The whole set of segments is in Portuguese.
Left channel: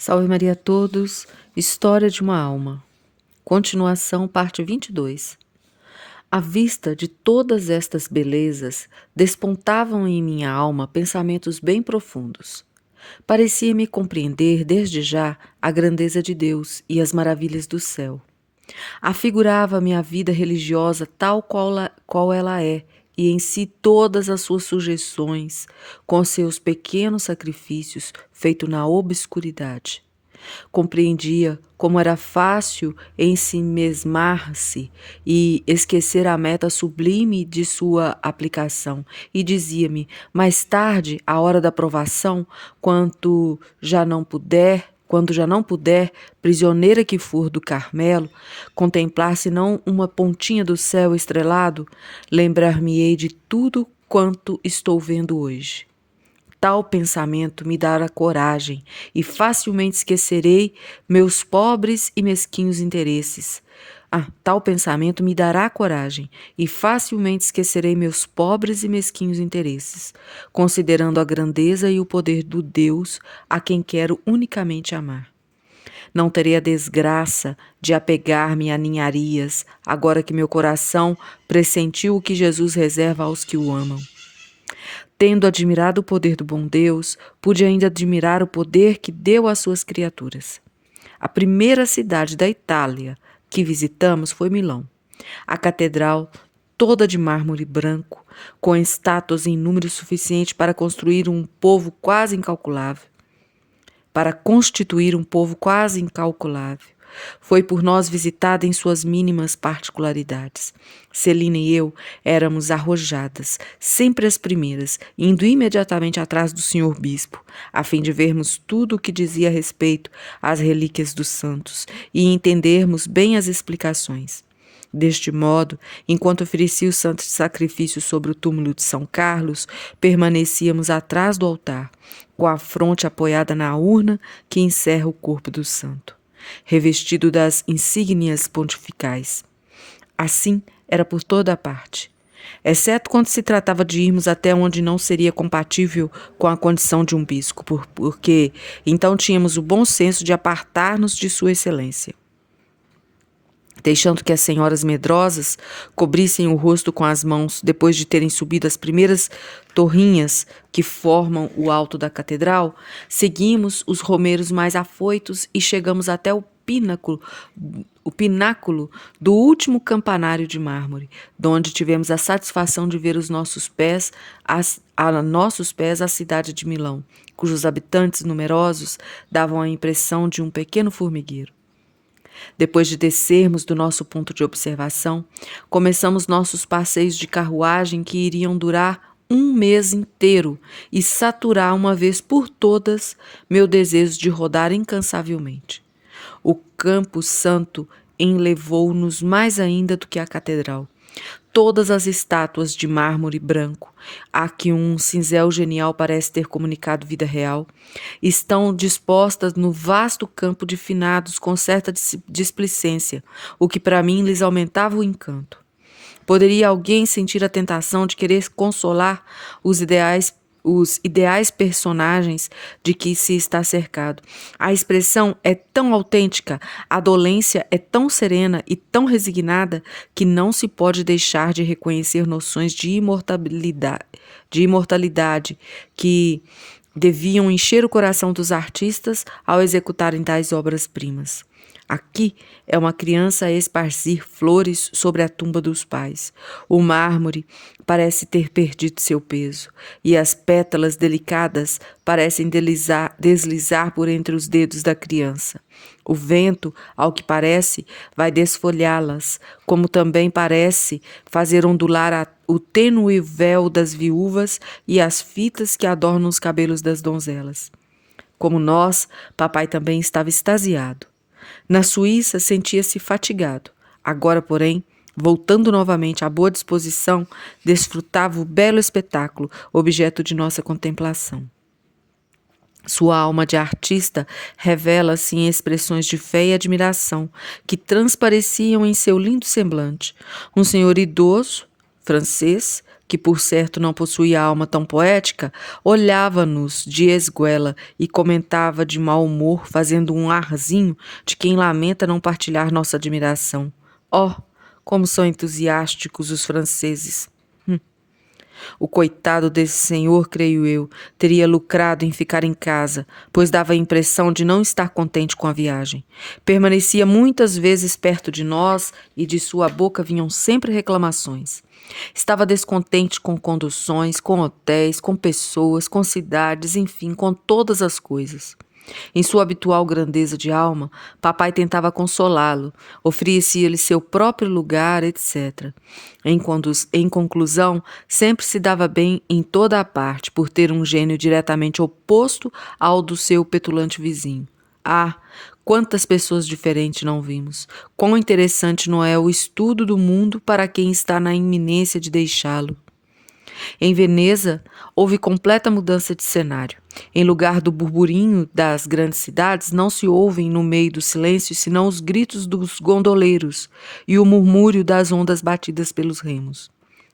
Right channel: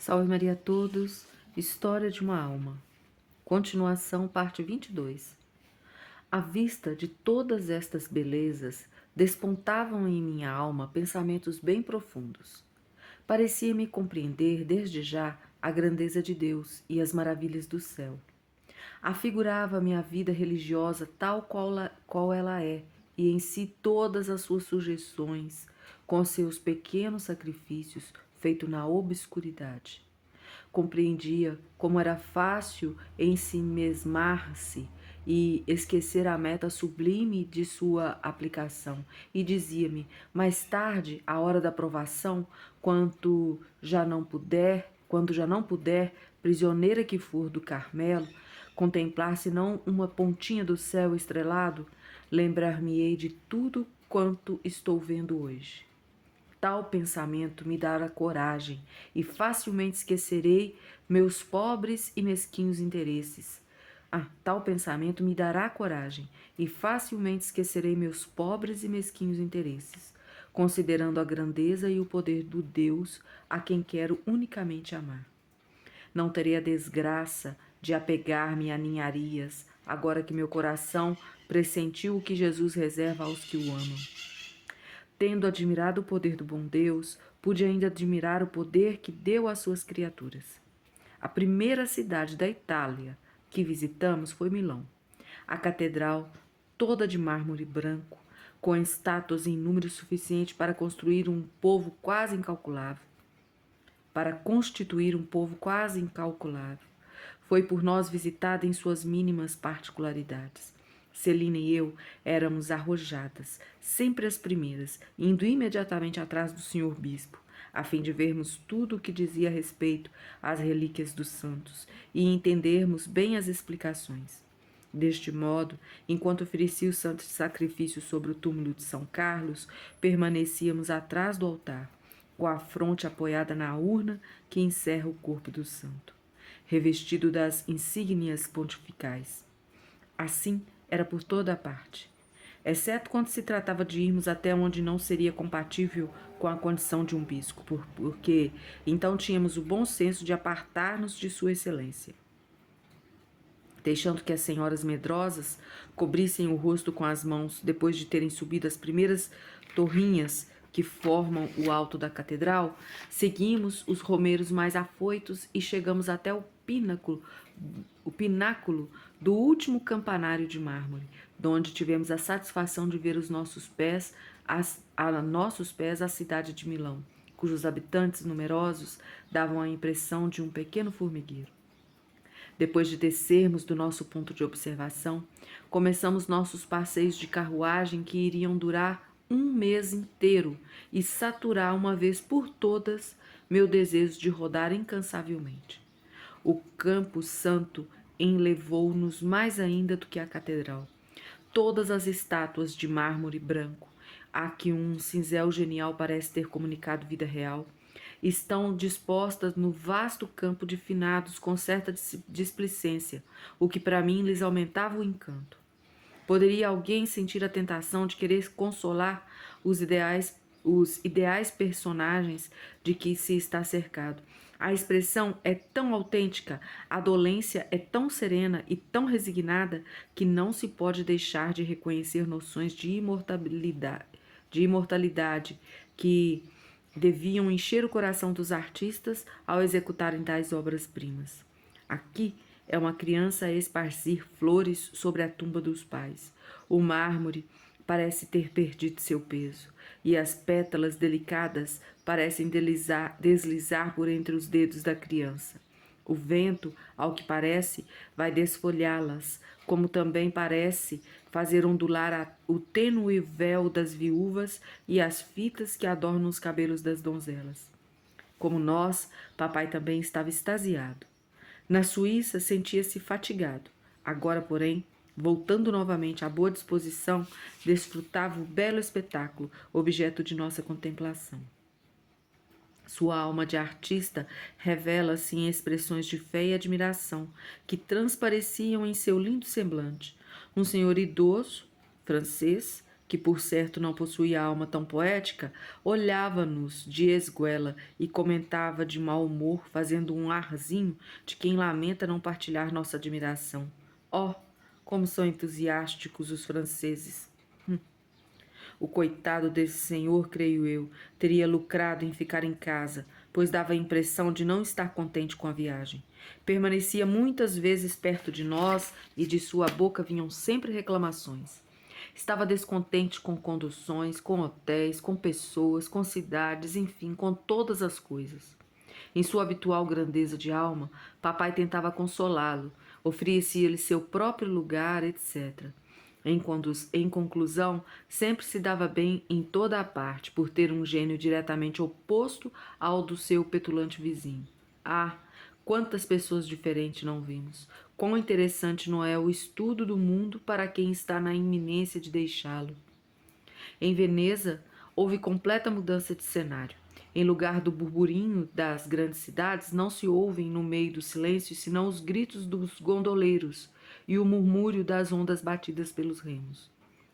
Salve Maria a todos, História de uma Alma. Continuação, parte 22. À vista de todas estas belezas, despontavam em minha alma pensamentos bem profundos. Parecia-me compreender desde já a grandeza de Deus e as maravilhas do céu. Afigurava-me a vida religiosa tal qual ela é, e em si todas as suas sujeições, com seus pequenos sacrifícios feitos na obscuridade. Compreendia como era fácil ensimesmar-se e esquecer a meta sublime de sua aplicação, e dizia-me, mais tarde, à hora da provação, quando já não puder, prisioneira que for do Carmelo, contemplar senão uma pontinha do céu estrelado, lembrar-me-ei de tudo quanto estou vendo hoje. Tal pensamento me dará coragem e facilmente esquecerei meus pobres e mesquinhos interesses. Tal pensamento me dará coragem e facilmente esquecerei meus pobres e mesquinhos interesses, considerando a grandeza e o poder do Deus a quem quero unicamente amar. Não terei a desgraça de apegar-me a ninharias, agora que meu coração pressentiu o que Jesus reserva aos que o amam. Tendo admirado o poder do bom Deus, pude ainda admirar o poder que deu às suas criaturas. A primeira cidade da Itália que visitamos foi Milão. A catedral, toda de mármore branco, com estátuas em número suficiente para construir um povo quase incalculável. Foi por nós visitada em suas mínimas particularidades. Celina e eu éramos arrojadas, sempre as primeiras, indo imediatamente atrás do senhor bispo, a fim de vermos tudo o que dizia a respeito às relíquias dos santos e entendermos bem as explicações. Deste modo, enquanto oferecia o santo sacrifício sobre o túmulo de São Carlos, permanecíamos atrás do altar, com a fronte apoiada na urna que encerra o corpo do santo, revestido das insígnias pontificais. Assim era por toda a parte, exceto quando se tratava de irmos até onde não seria compatível com a condição de um bispo, porque então tínhamos o bom senso de apartar-nos de sua excelência. Deixando que as senhoras medrosas cobrissem o rosto com as mãos depois de terem subido as primeiras torrinhas que formam o alto da catedral, seguimos os romeiros mais afoitos e chegamos até o pináculo do último campanário de mármore, donde tivemos a satisfação de ver a nossos pés a cidade de Milão, cujos habitantes numerosos davam a impressão de um pequeno formigueiro. Depois de descermos do nosso ponto de observação, começamos nossos passeios de carruagem que iriam durar um mês inteiro e saturar uma vez por todas meu desejo de rodar incansavelmente. O Campo Santo enlevou-nos mais ainda do que a catedral. Todas as estátuas de mármore branco, a que um cinzel genial parece ter comunicado vida real, estão dispostas no vasto campo de finados com certa displicência, o que para mim lhes aumentava o encanto. Poderia alguém sentir a tentação de querer consolar os ideais personagens de que se está cercado. A expressão é tão autêntica, a dolência é tão serena e tão resignada que não se pode deixar de reconhecer noções de imortalidade que deviam encher o coração dos artistas ao executarem tais obras-primas. Aqui é uma criança a esparcir flores sobre a tumba dos pais. O mármore parece ter perdido seu peso, e as pétalas delicadas parecem deslizar por entre os dedos da criança. O vento, ao que parece, vai desfolhá-las, como também parece fazer ondular o tênue véu das viúvas e as fitas que adornam os cabelos das donzelas. Como nós, papai também estava extasiado. Na Suíça sentia-se fatigado. Agora, porém, voltando novamente à boa disposição, desfrutava o belo espetáculo, objeto de nossa contemplação. Sua alma de artista revela-se em expressões de fé e admiração, que transpareciam em seu lindo semblante. Um senhor idoso, francês, que por certo não possuía alma tão poética, olhava-nos de esguela e comentava de mau humor, fazendo um arzinho de quem lamenta não partilhar nossa admiração. Oh, como são entusiásticos os franceses! O coitado desse senhor, creio eu, teria lucrado em ficar em casa, pois dava a impressão de não estar contente com a viagem. Permanecia muitas vezes perto de nós e de sua boca vinham sempre reclamações. Estava descontente com conduções, com hotéis, com pessoas, com cidades, enfim, com todas as coisas. Em sua habitual grandeza de alma, papai tentava consolá-lo, oferecia-lhe seu próprio lugar, etc. Em conclusão, sempre se dava bem em toda a parte, por ter um gênio diretamente oposto ao do seu petulante vizinho. Ah, quantas pessoas diferentes não vimos! Quão interessante não é o estudo do mundo para quem está na iminência de deixá-lo! Em Veneza, houve completa mudança de cenário. Em lugar do burburinho das grandes cidades, não se ouvem no meio do silêncio senão os gritos dos gondoleiros e o murmúrio das ondas batidas pelos remos.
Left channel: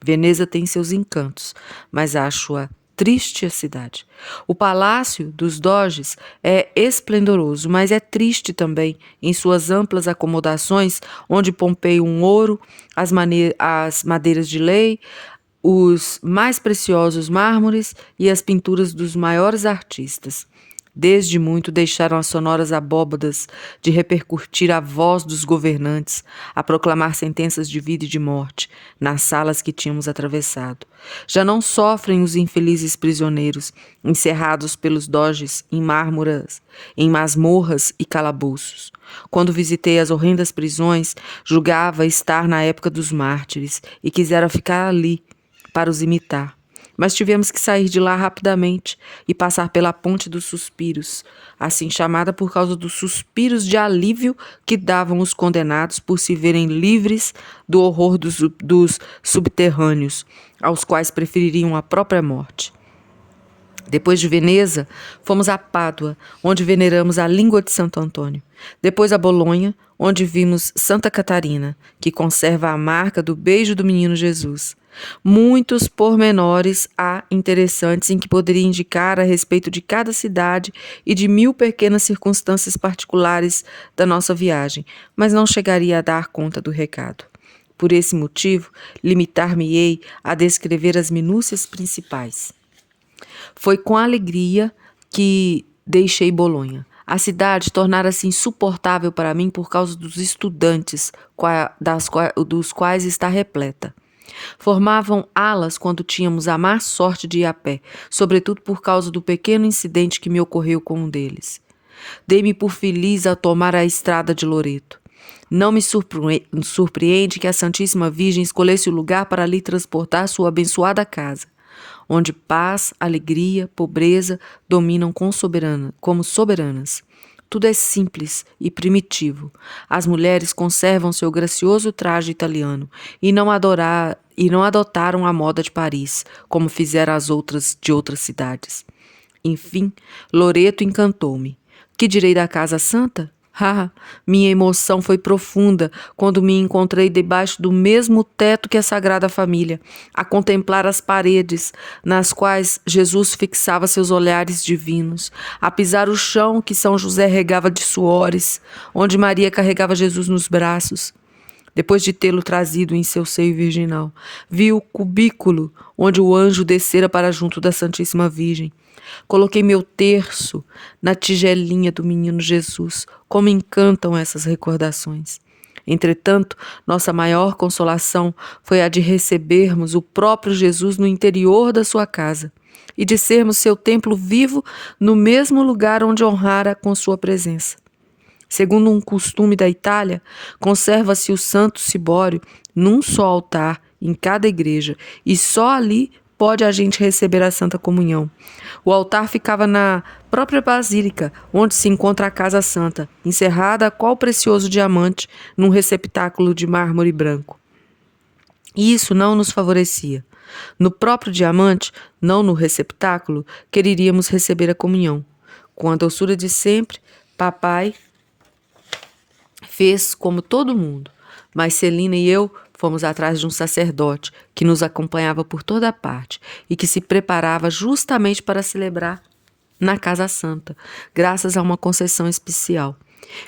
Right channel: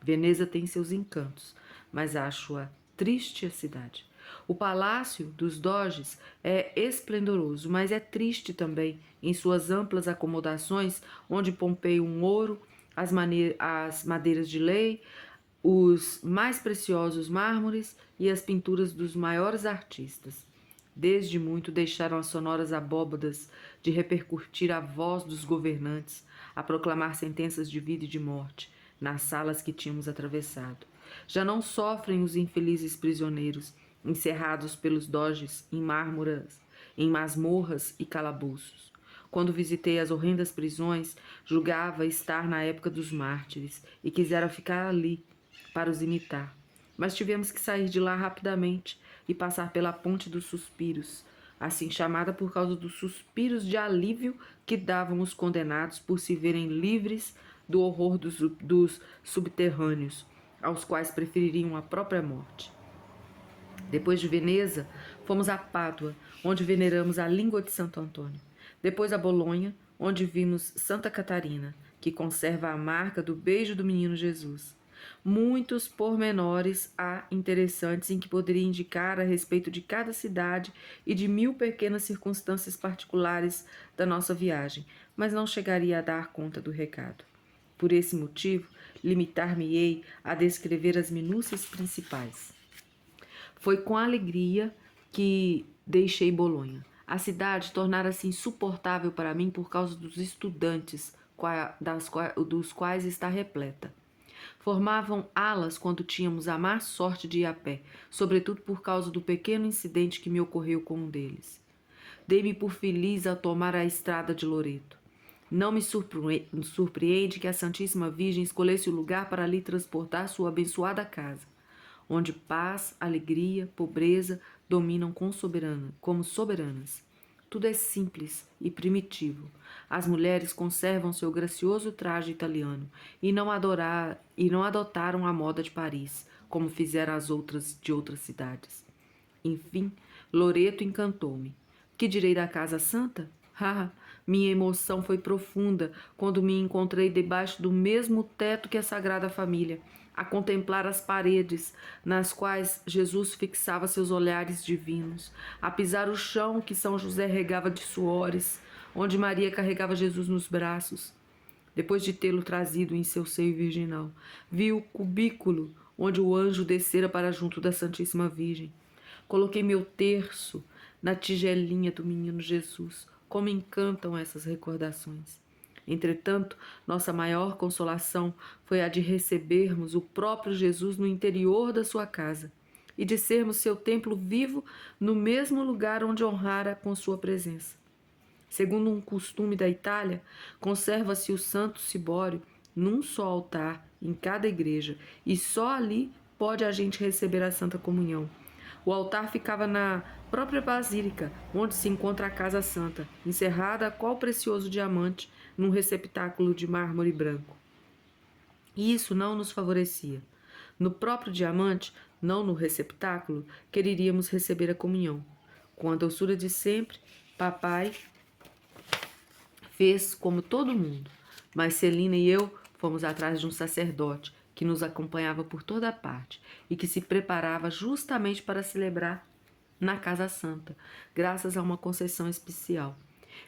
Veneza tem seus encantos, mas acho-a triste a cidade. O palácio dos doges é esplendoroso, mas é triste também em suas amplas acomodações, onde Pompeio um ouro, as madeiras de lei, os mais preciosos mármores e as pinturas dos maiores artistas. Desde muito deixaram as sonoras abóbadas de repercutir a voz dos governantes, a proclamar sentenças de vida e de morte nas salas que tínhamos atravessado. Já não sofrem os infelizes prisioneiros, encerrados pelos doges em masmorras e calabouços. Quando visitei as horrendas prisões, julgava estar na época dos mártires e quisera ficar ali para os imitar. Mas tivemos que sair de lá rapidamente e passar pela Ponte dos Suspiros, assim chamada por causa dos suspiros de alívio que davam os condenados por se verem livres do horror dos subterrâneos, aos quais prefeririam a própria morte. Depois de Veneza, fomos a Pádua, onde veneramos a língua de Santo Antônio. Depois a Bolonha, onde vimos Santa Catarina, que conserva a marca do beijo do menino Jesus. Muitos pormenores há interessantes em que poderia indicar a respeito de cada cidade e de 1000 pequenas circunstâncias particulares da nossa viagem, mas não chegaria a dar conta do recado. Por esse motivo, limitar-me-ei a descrever as minúcias principais. Foi com alegria que deixei Bolonha. A cidade tornara-se insuportável para mim por causa dos estudantes, dos quais está repleta. Formavam alas quando tínhamos a má sorte de ir a pé, sobretudo por causa do pequeno incidente que me ocorreu com um deles. Dei-me por feliz ao tomar a estrada de Loreto. Não me surpreende que a Santíssima Virgem escolhesse o lugar para ali transportar sua abençoada casa, onde paz, alegria, pobreza dominam como soberanas. Tudo é simples e primitivo. As mulheres conservam seu gracioso traje italiano e não adotaram a moda de Paris, como fizeram as outras de outras cidades. Enfim, Loreto encantou-me. Que direi da Casa Santa? Minha emoção foi profunda quando me encontrei debaixo do mesmo teto que a Sagrada Família, a contemplar as paredes nas quais Jesus fixava seus olhares divinos, a pisar o chão que São José regava de suores, onde Maria carregava Jesus nos braços. Depois de tê-lo trazido em seu seio virginal, vi o cubículo onde o anjo descera para junto da Santíssima Virgem. Coloquei meu terço na tigelinha do menino Jesus. Como encantam essas recordações. Entretanto, nossa maior consolação foi a de recebermos o próprio Jesus no interior da sua casa e de sermos seu templo vivo no mesmo lugar onde honrara com sua presença. Segundo um costume da Itália, conserva-se o Santo Cibório num só altar em cada igreja e só ali pode a gente receber a Santa Comunhão. O altar ficava na própria basílica, onde se encontra a Casa Santa, encerrada qual precioso diamante num receptáculo de mármore branco. E isso não nos favorecia. No próprio diamante, não no receptáculo, quereríamos receber a comunhão. Com a doçura de sempre, papai fez como todo mundo, mas Celina e eu Fomos atrás de um sacerdote que nos acompanhava por toda parte e que se preparava justamente para celebrar na Casa Santa, graças a uma concessão especial.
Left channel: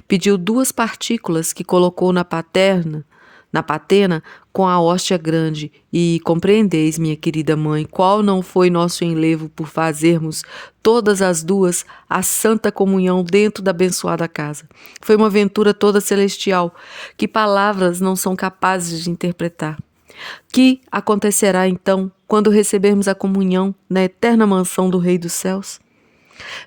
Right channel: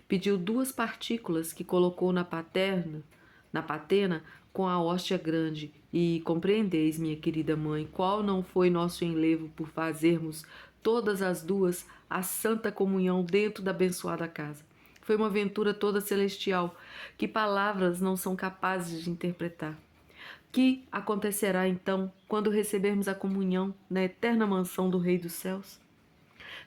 Pediu 2 partículas que colocou na patena com a hóstia grande, e compreendeis, minha querida mãe, qual não foi nosso enlevo por fazermos todas as 2 a santa comunhão dentro da abençoada casa. Foi uma aventura toda celestial, que palavras não são capazes de interpretar. Que acontecerá então quando recebermos a comunhão na eterna mansão do Rei dos Céus?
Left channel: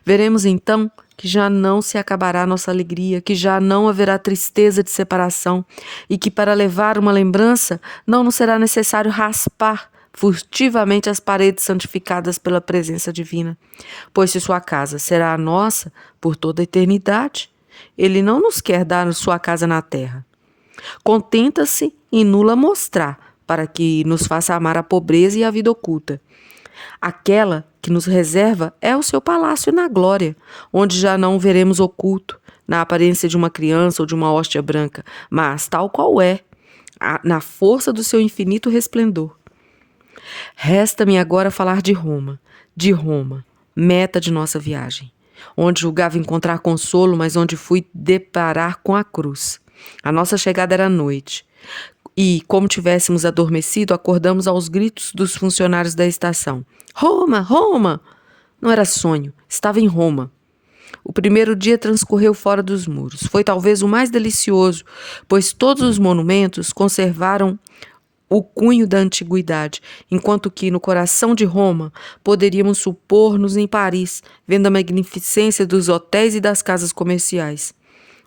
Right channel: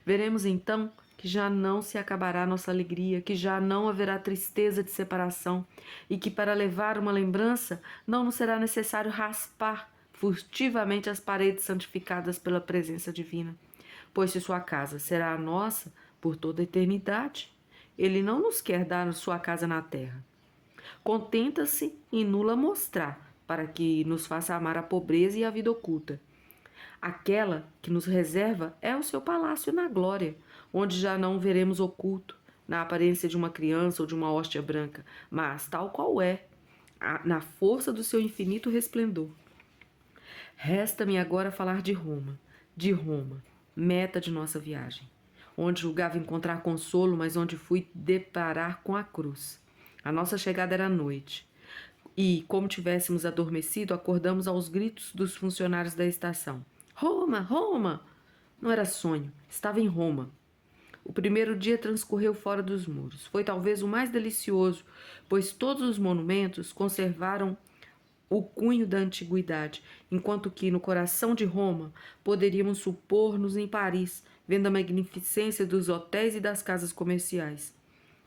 Veremos então que já não se acabará nossa alegria, que já não haverá tristeza de separação e que para levar uma lembrança não nos será necessário raspar furtivamente as paredes santificadas pela presença divina, pois se sua casa será a nossa por toda a eternidade, ele não nos quer dar sua casa na terra. Contenta-se em nula mostrar, para que nos faça amar a pobreza e a vida oculta. Aquela que nos reserva é o seu palácio na glória, onde já não o veremos oculto, na aparência de uma criança ou de uma hóstia branca, mas tal qual é, na força do seu infinito resplendor. Resta-me agora falar de Roma, meta de nossa viagem, onde julgava encontrar consolo, mas onde fui deparar com a cruz. A nossa chegada era à noite. E, como tivéssemos adormecido, acordamos aos gritos dos funcionários da estação. Roma! Roma! Não era sonho, estava em Roma. O primeiro dia transcorreu fora dos muros. Foi talvez o mais delicioso, pois todos os monumentos conservaram o cunho da antiguidade, enquanto que no coração de Roma poderíamos supor-nos em Paris, vendo a magnificência dos hotéis e das casas comerciais.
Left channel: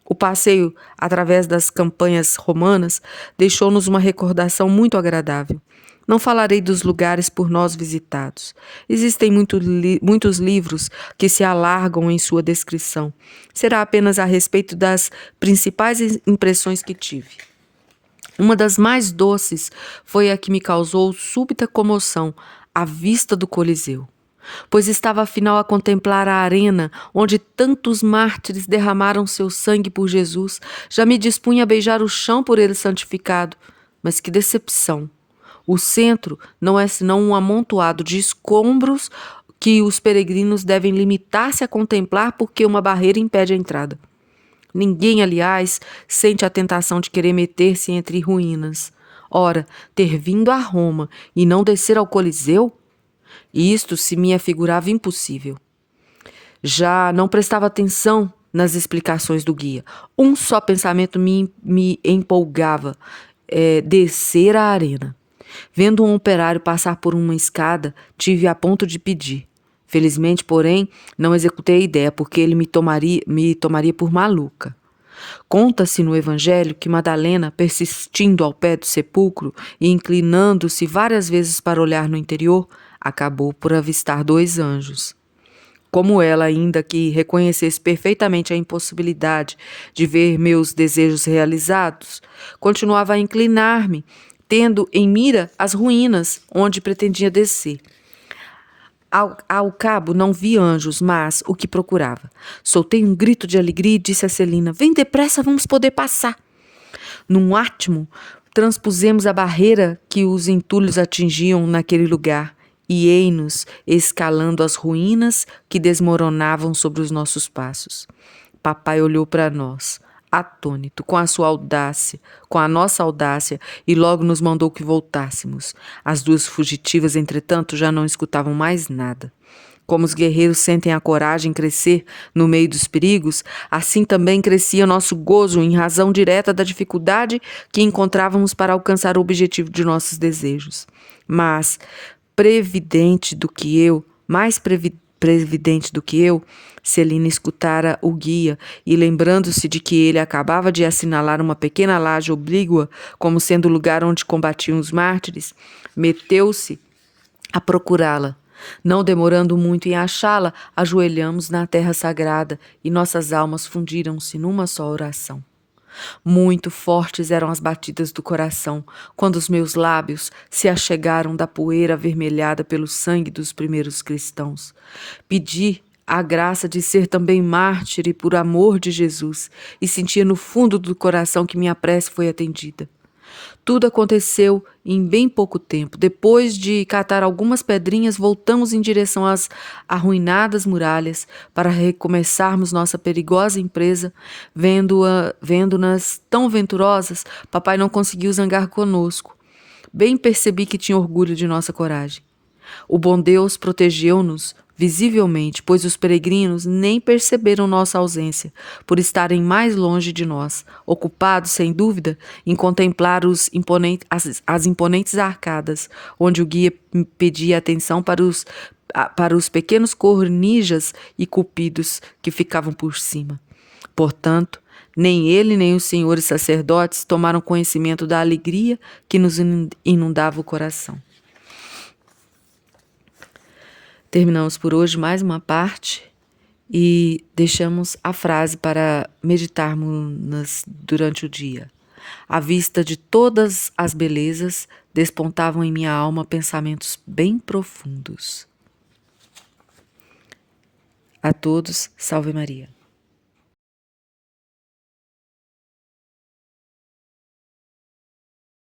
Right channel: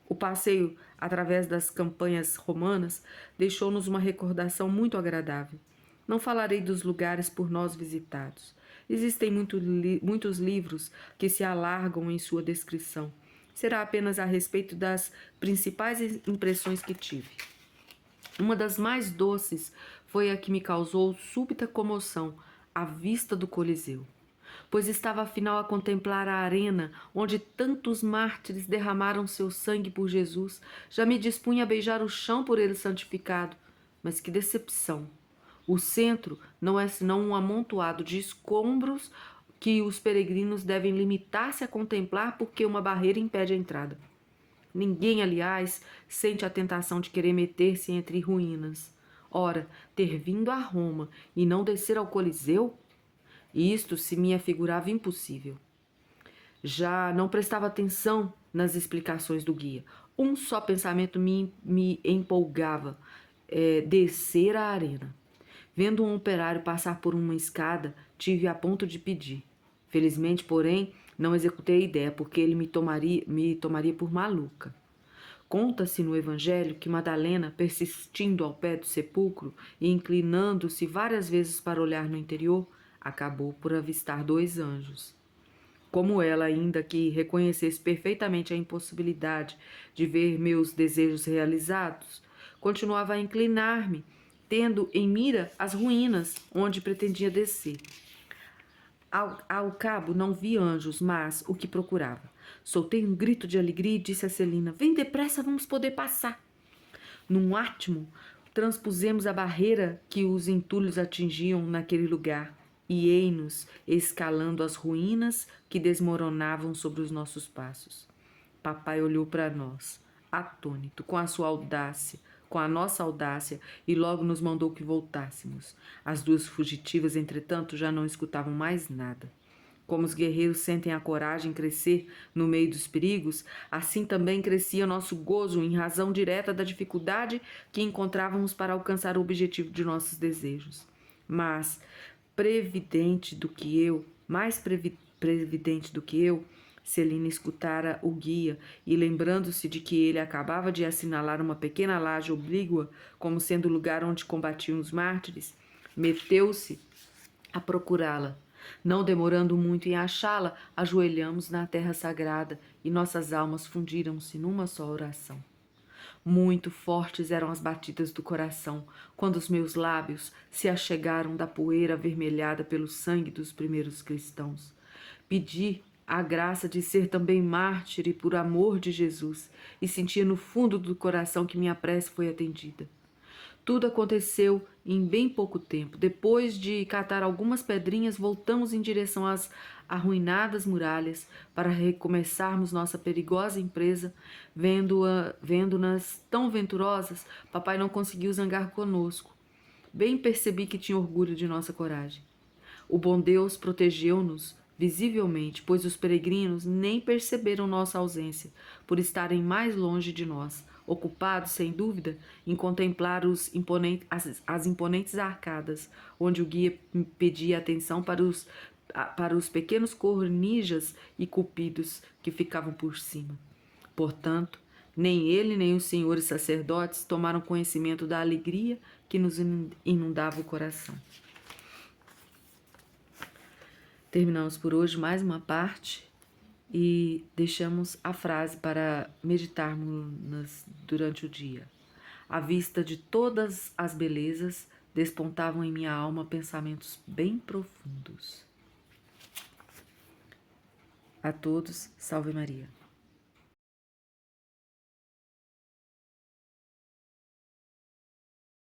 O passeio através das campanhas romanas deixou-nos uma recordação muito agradável. Não falarei dos lugares por nós visitados. Existem muitos livros que se alargam em sua descrição. Será apenas a respeito das principais impressões que tive. Uma das mais doces foi a que me causou súbita comoção, a vista do Coliseu. Pois estava afinal a contemplar a arena onde tantos mártires derramaram seu sangue por Jesus. Já me dispunha a beijar o chão por ele santificado. Mas que decepção! O centro não é senão um amontoado de escombros que os peregrinos devem limitar-se a contemplar porque uma barreira impede a entrada. Ninguém, aliás, sente a tentação de querer meter-se entre ruínas. Ora, ter vindo a Roma e não descer ao Coliseu? Isto se me afigurava impossível. Já não prestava atenção nas explicações do guia. Um só pensamento me empolgava, descer a arena. Vendo um operário passar por uma escada, tive a ponto de pedir. Felizmente, porém, não executei a ideia, porque ele me tomaria por maluca. Conta-se no Evangelho que Madalena, persistindo ao pé do sepulcro e inclinando-se várias vezes para olhar no interior, acabou por avistar 2 anjos. Como ela, ainda que reconhecesse perfeitamente a impossibilidade de ver meus desejos realizados, continuava a inclinar-me, tendo em mira as ruínas onde pretendia descer. Ao cabo não vi anjos, mas o que procurava. Soltei um grito de alegria e disse a Celina: vem depressa, vamos poder passar. Num átimo, transpusemos a barreira que os entulhos atingiam naquele lugar e ei-nos escalando as ruínas que desmoronavam sobre os nossos passos. Papai olhou para nós, atônito, com a nossa audácia, e logo nos mandou que voltássemos. As 2 fugitivas, entretanto, já não escutavam mais nada. Como os guerreiros sentem a coragem crescer no meio dos perigos, assim também crescia nosso gozo em razão direta da dificuldade que encontrávamos para alcançar o objetivo de nossos desejos. Mas, mais previdente do que eu, Celina escutara o guia e, lembrando-se de que ele acabava de assinalar uma pequena laje oblíqua como sendo o lugar onde combatiam os mártires, meteu-se a procurá-la. Não demorando muito em achá-la, ajoelhamos na terra sagrada e nossas almas fundiram-se numa só oração. Muito fortes eram as batidas do coração, quando os meus lábios se achegaram da poeira avermelhada pelo sangue dos primeiros cristãos. Pedi a graça de ser também mártir e por amor de Jesus, e sentia no fundo do coração que minha prece foi atendida. Tudo aconteceu em bem pouco tempo. Depois de catar algumas pedrinhas, voltamos em direção às arruinadas muralhas para recomeçarmos nossa perigosa empresa. Vendo-nas tão venturosas, papai não conseguiu zangar conosco. Bem percebi que tinha orgulho de nossa coragem. O bom Deus protegeu-nos visivelmente, pois os peregrinos nem perceberam nossa ausência, por estarem mais longe de nós, ocupados, sem dúvida, em contemplar as imponentes arcadas, onde o guia pedia atenção para os pequenos cornijas e cupidos que ficavam por cima. Portanto, nem ele nem os senhores sacerdotes tomaram conhecimento da alegria que nos inundava o coração. Terminamos por hoje mais uma parte e deixamos a frase para meditarmos durante o dia. À vista de todas as belezas, despontavam em minha alma pensamentos bem profundos. A todos, salve Maria.